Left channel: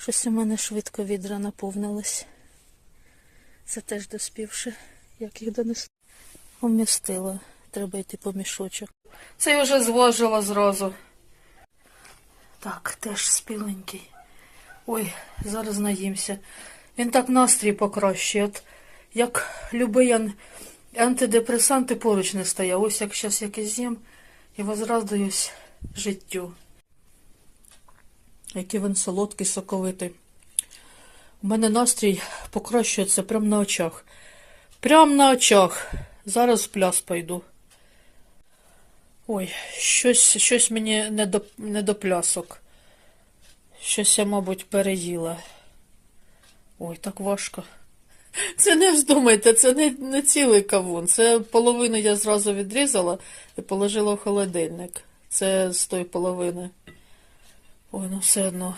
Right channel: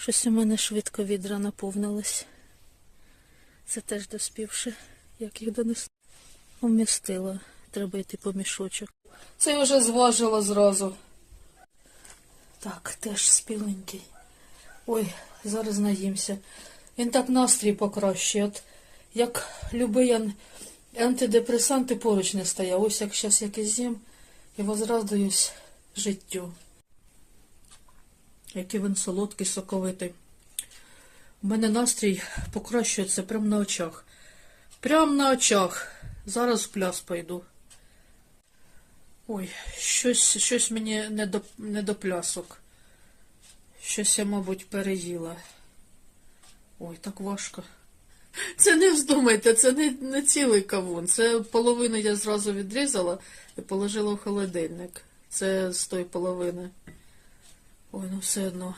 Щось у мене швидко відра наповнились. Це теж доспівши, як їх донести. Помістила. Треба йти по мішочок. Це я вже зважила зразу. Так, теж спіленький. Ой, зараз наїмся. Він так настрій покращує. От як любий ан- антидепресанти поруч не стояв. Ось як зараз якийсь з'їм і возрадуюсь життю. Який він солодкий, соковитий. У мене настрій покращується прямо на очах. Прямо на очах. Зараз в пляс пойду. Ой, щось, щось мені не до, не до плясок. Щось я, мабуть, переїла. Ой, так важко. Це не вздумайте, це не, не цілий кавун. Це половину я зразу відрізала і положила в холодильник. Це з тої половини. Ой, ну все одно.